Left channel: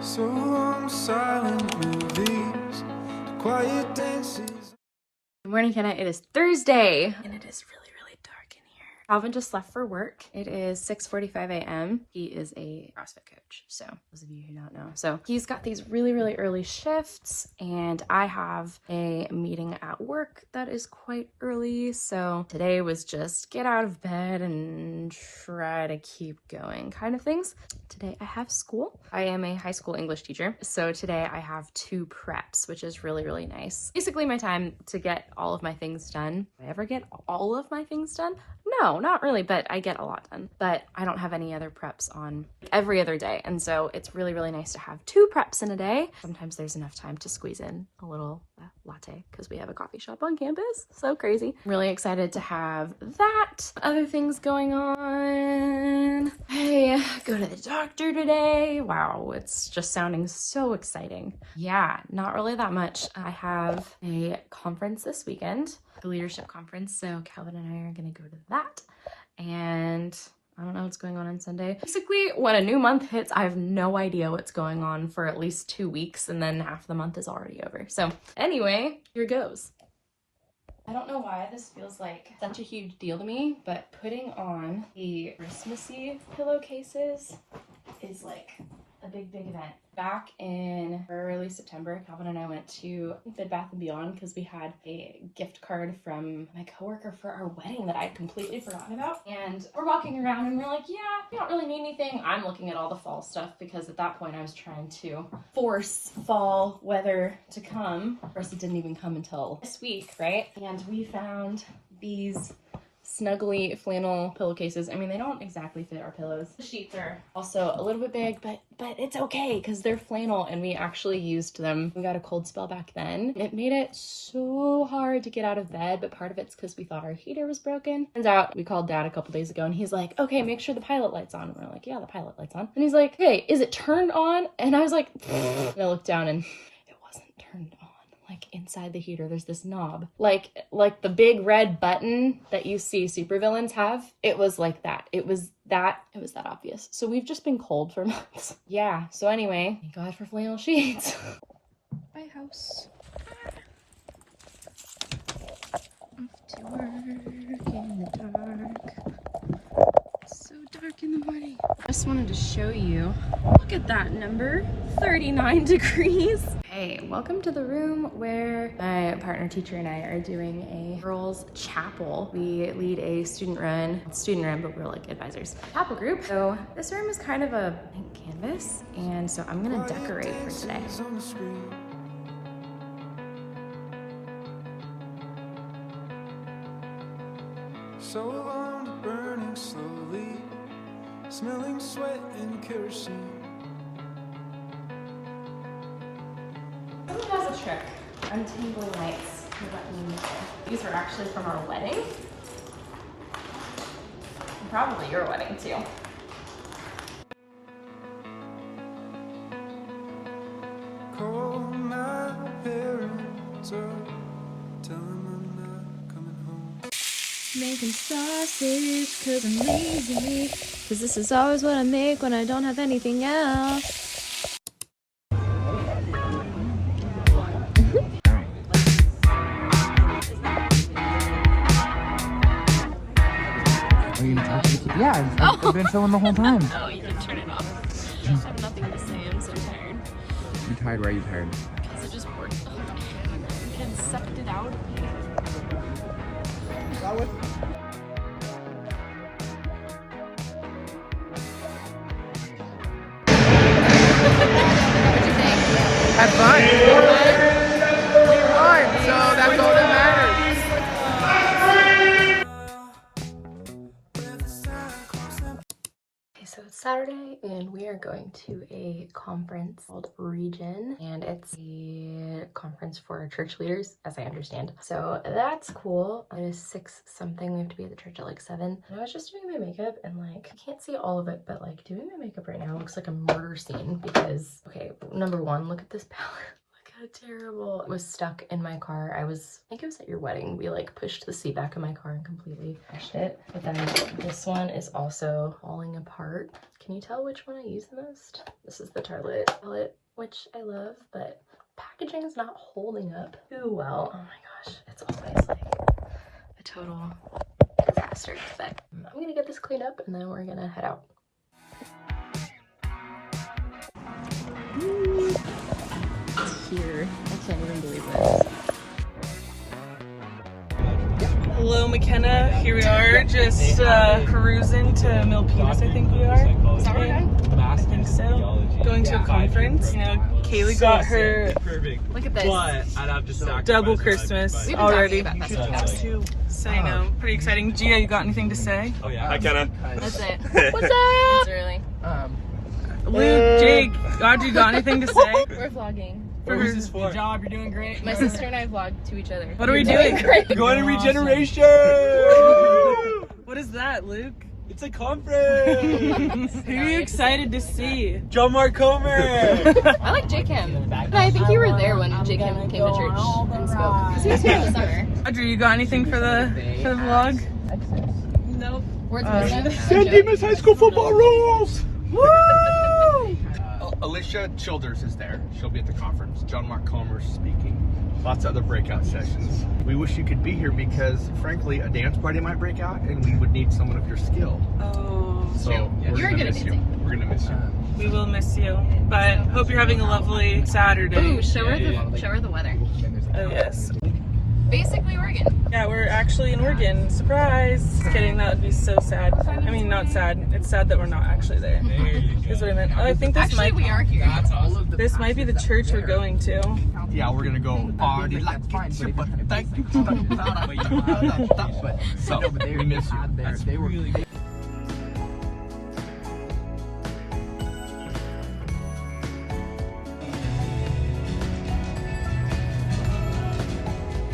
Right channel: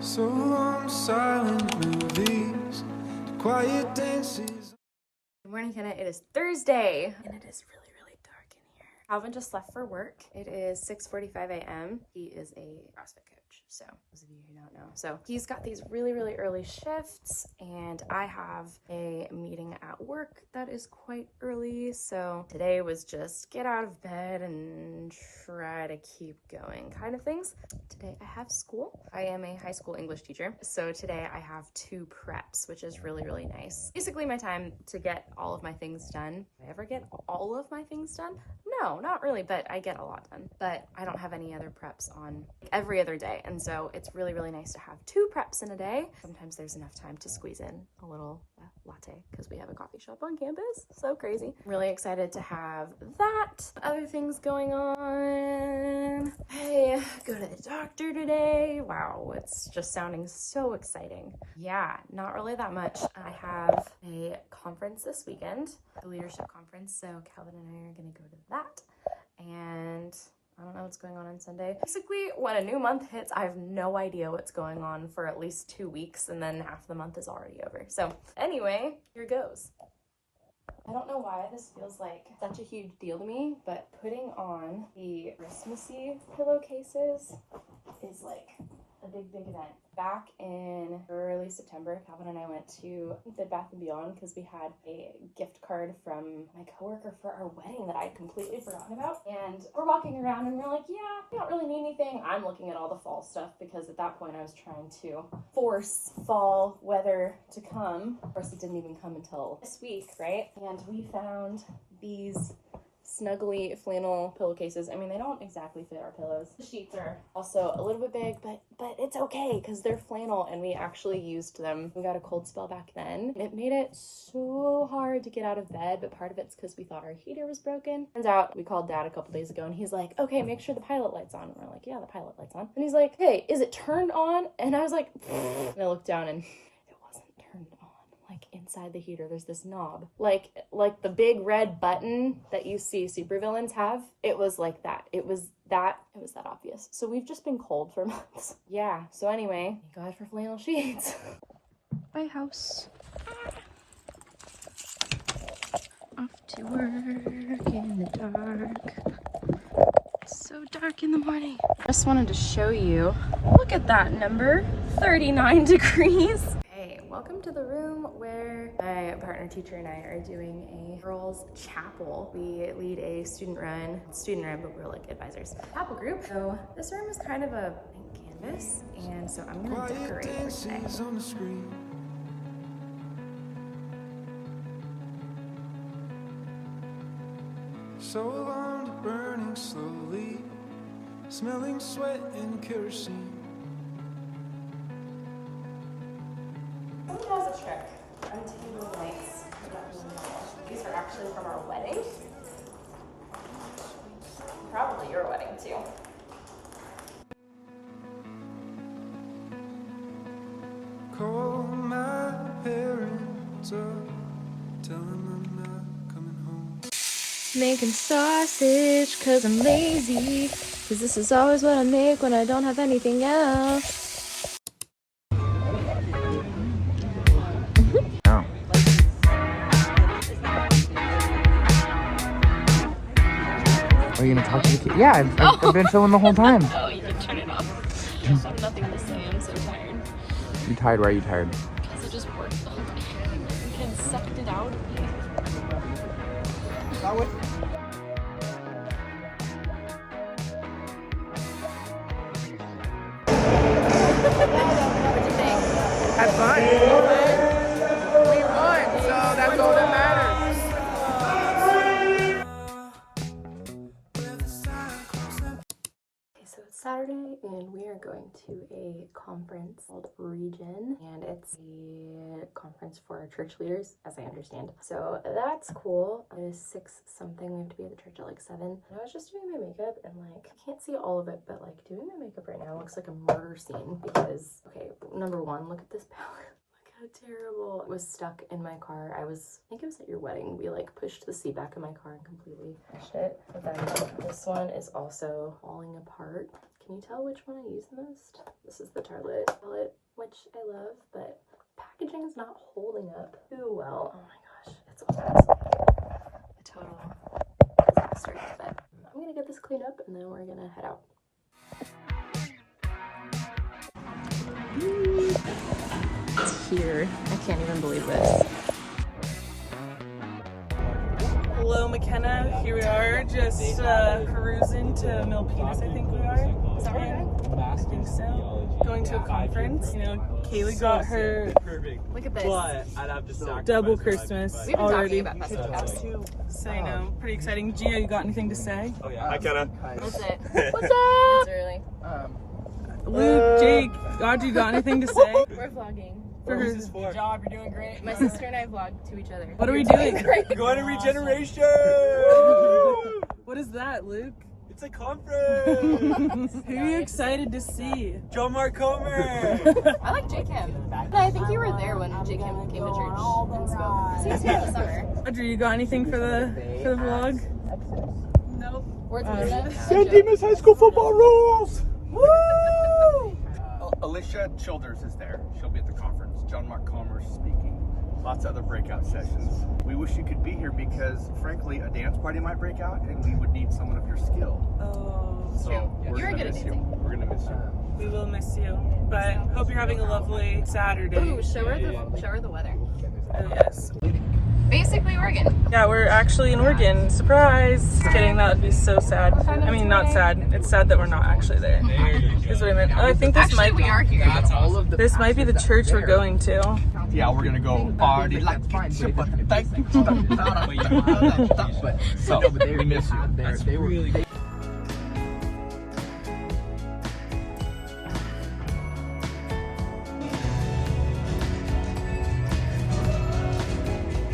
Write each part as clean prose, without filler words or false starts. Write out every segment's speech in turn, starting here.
So long, silent movies, quiet dances. Good morning, Kenna. It is Thursday, and it is really dark in here. Calvin just left for work. It is 6:45 a.m. He is a CrossFit coach, so those of you who don't know. So he's got these really early shifts, and I have a meeting at work that is quite early. So today was just get out of bed and try to keep going kind of things. Today I have school. I am a high school English teacher, so today I have 2 preps, which is really nice. Basically my time to get all of my things done. Do I ever get all of my things done? No, not really, but I get a lot done. But I don't have any other preps on every other day, and so it's really nice to have 2 preps in a day. Sometimes there's enough time to squeeze in a little latte because we have a coffee shop on campus. So crazy. I'm really excited to have that. Other things going on. I go to the doctor today. Wow, it's just sounding so exciting. Yeah, not really that much. I have a conference this weekend, the leadership conference. So Calvin and I are gonna go to that. And I don't know what's going on Sunday. Basically, when a new month hits, I have no idea what's going on for at least 2 weeks, and then half the month is already over. So anyway, here goes. I don't know why this feels like such a huge deal to me, but putting on the Christmassy pillowcases is like a big event. Back in early September, Calvin and I went to Bed Bath & Beyond because we had a gift card from my coworker for our wedding that I'd completely forgotten about. And we're walking around and we're like, yeah, we don't really need anything. I'm looking at all the fall stuff because at that point I was trying to force fall weather to come. Of course, it didn't even come until this week, right? And we found these snuggly flannel pillowcases. I mean, they don't exactly fit our pillows. The sheets are also a little bit big, but it's okay because they're flannel and we actually used them. We got a cold spell back then. It made it so hard to get out of bed, but part of it's because we thought our heater was broken. Turns out we called Dad a couple days ago and he's like, okay, make sure the pilot light's on. And we're like, yeah, the pilot light's on. And he's like, hey, is it turned on? And I was like, and I looked down and it wasn't turned on. Like inside the heater there's this knob, like the big red button that you see supervillains have. It was like that. It was that obvious. So we've just been cold for months. Yeah, so anyway, thank God for flannel sheets. Bye, house. Off to work in the dark. It's so dark in the morning. Just wanted to show you, look at that number, 39 degrees. Hey, welcome to the room where my partner teacher and I are doing a girls' chapel. We lead a student run, but we're like advisors. Chapel group. So this room is kind of a blank canvas, and so I'm gonna decorate for today. So long, burning slowly, smelling sweat and kerosene. Who does a trick on table lights? These are actually from our wedding. Probably your wedding too. Call my parents up, tell them I'm not coming home. Making sausage cause I'm lazy, cause this is always what I make when I don't have anything else. Are you gonna talk to the kid? Yeah, I've been filming the whole time. Oh, you can turn it off. I have nothing to say, I'm so tired. You're tired? Why are you tired? Because I just worked the whole day. The kid sucked it out of me. What'd you think? Have fun. We won, so that's all that matters. So it's Saturday and we are going to a conference called ReGen, and it's a conference for church leaders, as I understand. So that's cool. It is 6 something. We have to be at the church at like 7. And I was just doing my makeup and like, I can't see all of it, but like doing my makeup right now looks like a murder scene because, okay, number one, look at this palette. Terrible. It was stuck in my car. I think it was at your wedding. We like pushed the seat back in my car and completely crushed it. But then this one is also falling apart. Can you tell which one I use the most? This is the Tartelette palette, which I love, but packaging is not holding up too well. Oh my gosh, it's almost like a total disaster. But I'm gonna get this cleaned up and then we're gonna head out. It's here. I can't even believe this. Hello, McKenna. Here we are, just cruising to Milpitas, I think we are. Is that right? I think so. Going to a conference. Kaylee got her, look at this, I'd have to double Christmas We've been already. talking about this too. So I know, pretty exciting. Gia, you got anything to say? Oh yeah. Hi, Kenna. That's it. What's up? It's early. Luke, Jake, Audrey, got anything to say? We're vlogging. What is this for? Good job, you're doing great. My sister and I vlog to each other. What are we doing? Great. We're going to ReGeneration! What is that, Luke? It's a conference! Who are you excited to see? John Mark Comer! I like Jake Kim. I think you were there when Jake Kim came to church and spoke. Because he was here in the summer. Audrey, you got anything for the vlog? Nope. Words of wisdom. San Dimas High School football rules! Woo! Alicia Childers is there. She'll be at the conference. John Mark Comer's speaking. Lots of other breakout sessions. We wish you could be here because, frankly, a dance party might break out and we would need someone of your skill. Oh, So You're good at miss you. dancing. We're gonna miss you. we will miss you. But hope you're having a lovely Saturday. Ooh, show her the weather. Oh yes. Basically Oregon. Yeah, we're actually in Oregon. Surprise! Just kidding, that would be so sad. I mean, not sad. It's sad that we're not actually there. That's what I meant. Oh, I think this Actually, we are here. This might be the church we're going to. Yeah, we're gonna go party like it's your birthday. So, we miss you.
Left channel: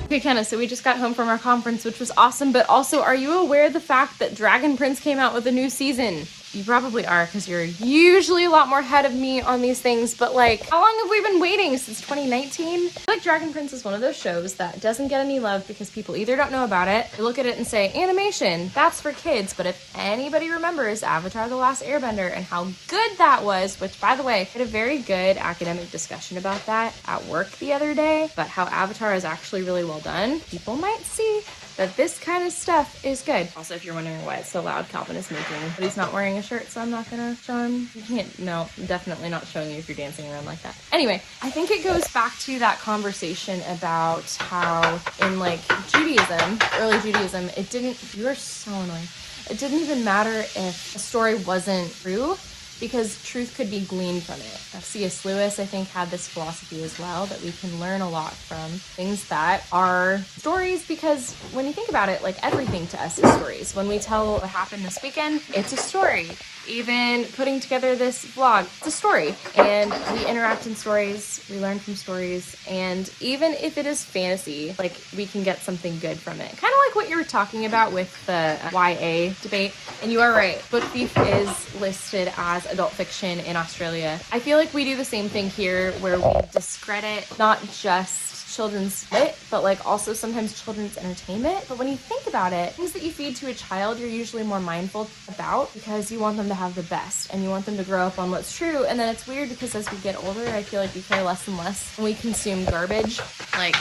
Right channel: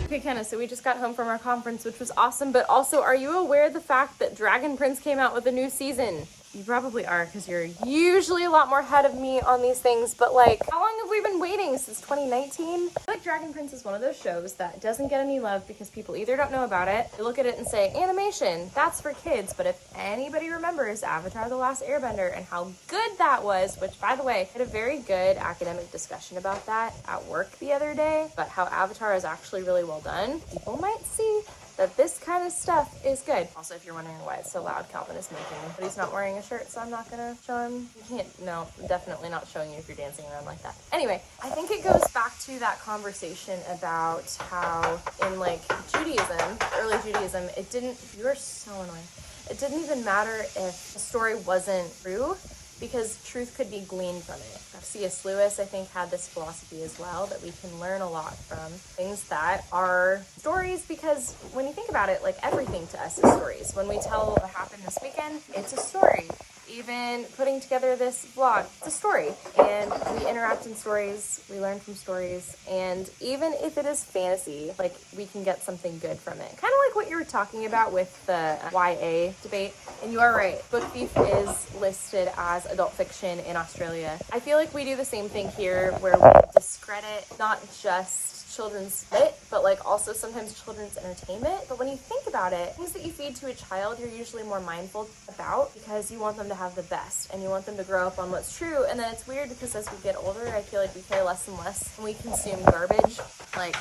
Okay, Kenna, so we just got home from our conference, which was awesome, but also, are you aware of the fact that Dragon Prince came out with a new season? You probably are, because you're usually a lot more ahead of me on these things, but like, how long have we been waiting? Since 2019? I feel like Dragon Prince is one of those shows that doesn't get any love because people either don't know about it, they look at it and say, animation, that's for kids, but if anybody remembers Avatar: The Last Airbender and how good that was, which by the way, I had a very good academic discussion about that at work the other day, but how Avatar is actually really well done, people might see that this kind of stuff is good. Also, if you're wondering why it's so loud, Calvin is making, but he's not wearing a shirt, so I'm not gonna show him. You can't, no, definitely not showing you if you're dancing around like that. Anyway, I think it goes back to that conversation about how in like Judaism, early Judaism, it didn't, you're so annoying. It didn't even matter if a story wasn't true, because truth could be gleaned from it. C.S. Lewis, I think, had this philosophy as well, that we can learn a lot from things that are stories, because when you think about it, like everything to us is stories. When we tell what happened this weekend, it's a story. Even putting together this vlog, it's a story. And we interact in stories, we learn from stories, and even if it is fantasy, like we can get something good from it. Kind of like what you were talking about with the YA debate. And you are right, Book Thief is listed as adult fiction in Australia. I feel like we do the same thing here, where we discredit not just children's lit, but like also sometimes children's entertainment. But when you think about it, things that you feed to a child, you're usually more mindful about because you want them to have the best and you want them to grow up on what's true. And then it's weird because as we get older, I feel like we care less and less and we consume garbage. Like,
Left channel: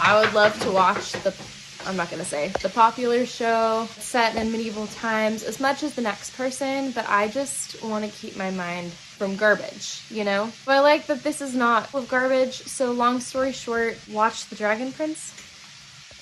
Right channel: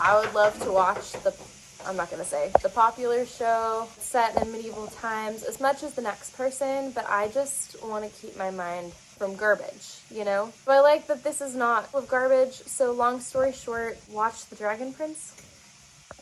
I would love to watch I'm not gonna say the popular show set in medieval times as much as the next person, but I just want to keep my mind from garbage, you know? But I like that this is not full of garbage, so long story short, watch The Dragon Prince.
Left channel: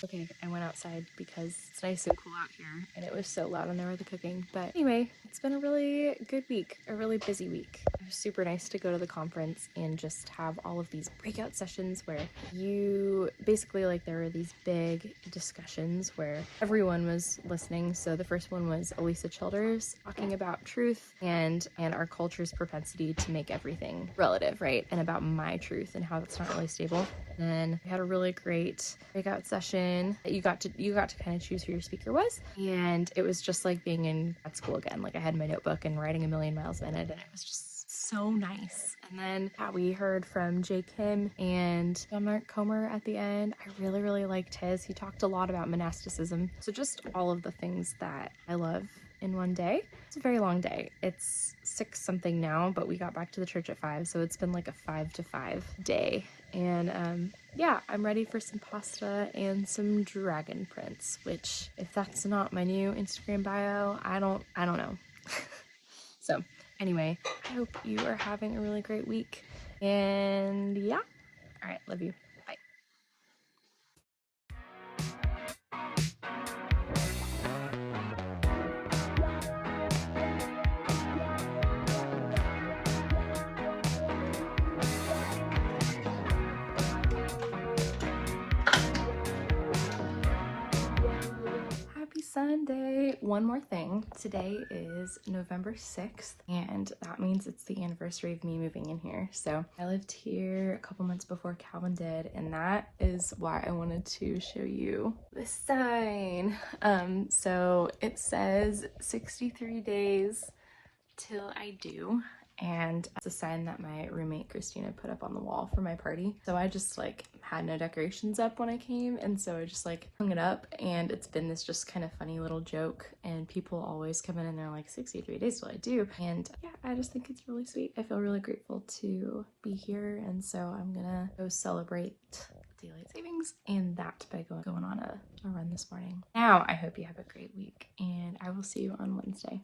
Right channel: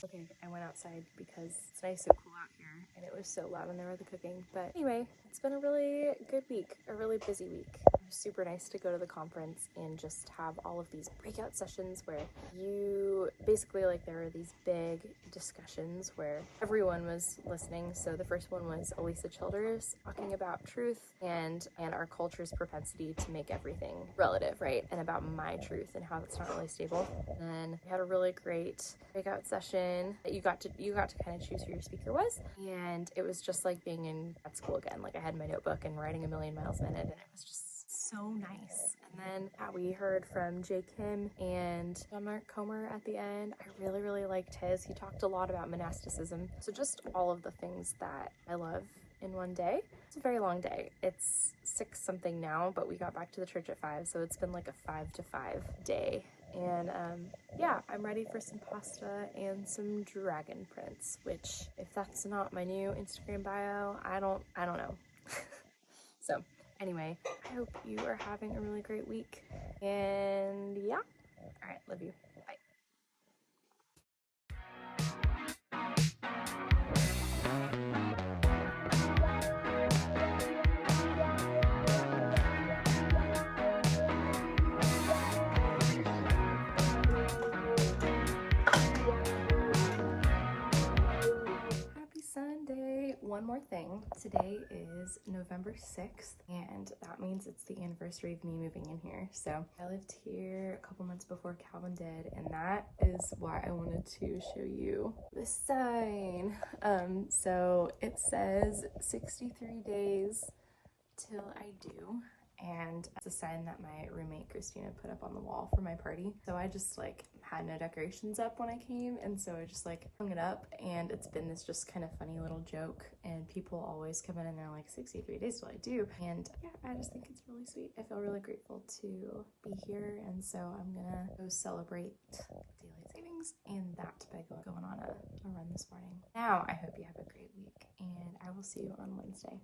Okay, I went outside because it's nice and cool out here, and it was so loud in there with the cooking. But anyway, it's been a really good week, a really busy week. It was super nice to go to the conference and just have all of these breakout sessions where you basically, like, there were these big discussions where everyone was listening. So the first one was Alicia Childers talking about truth and our culture's propensity to make everything relative, right? And about my truth and how that's not really stable. And then we had a really great breakout session that you got to kind of choose who your speaker was, and it was just like being in grad school again. Like, I had my notebook and writing a million miles a minute, and it was just so nice. And then we heard from Jay Kim and John Mark Comer at the end. I really liked his. He talked a lot about monasticism, so just all of the things that I love in one day. It's a very long day. It's 6 something now, but we got back to the church at 5, so it's been like a 5 to 5 day. And yeah, I'm ready for some pasta and some dragon prints, which if that's not my new Instagram bio, I don't know. So anyway, I hope you are having a really great week. And yeah, all right, love you. Bye. Happy Sunday. One more thing. Today is November 6th, and that means it's the anniversary of me moving in here. So I lived here a couple months before Calvin did, and that is why I wanted to show you this sign. So it says 63 days till I do, and it's a sign that my roommate Christina put up on the wall for my party. So I just like had no decorations up when I came, and so I just like hung it up, and it's been this just kind of funny little joke, and people always come in and they're like, 63 days till I do. And yeah, I just think it's really sweet. I feel really grateful to be here, and so I'm gonna go celebrate daylight savings and that by going on a run this morning. Now I hope you have a great week, and I will see you on Wednesday.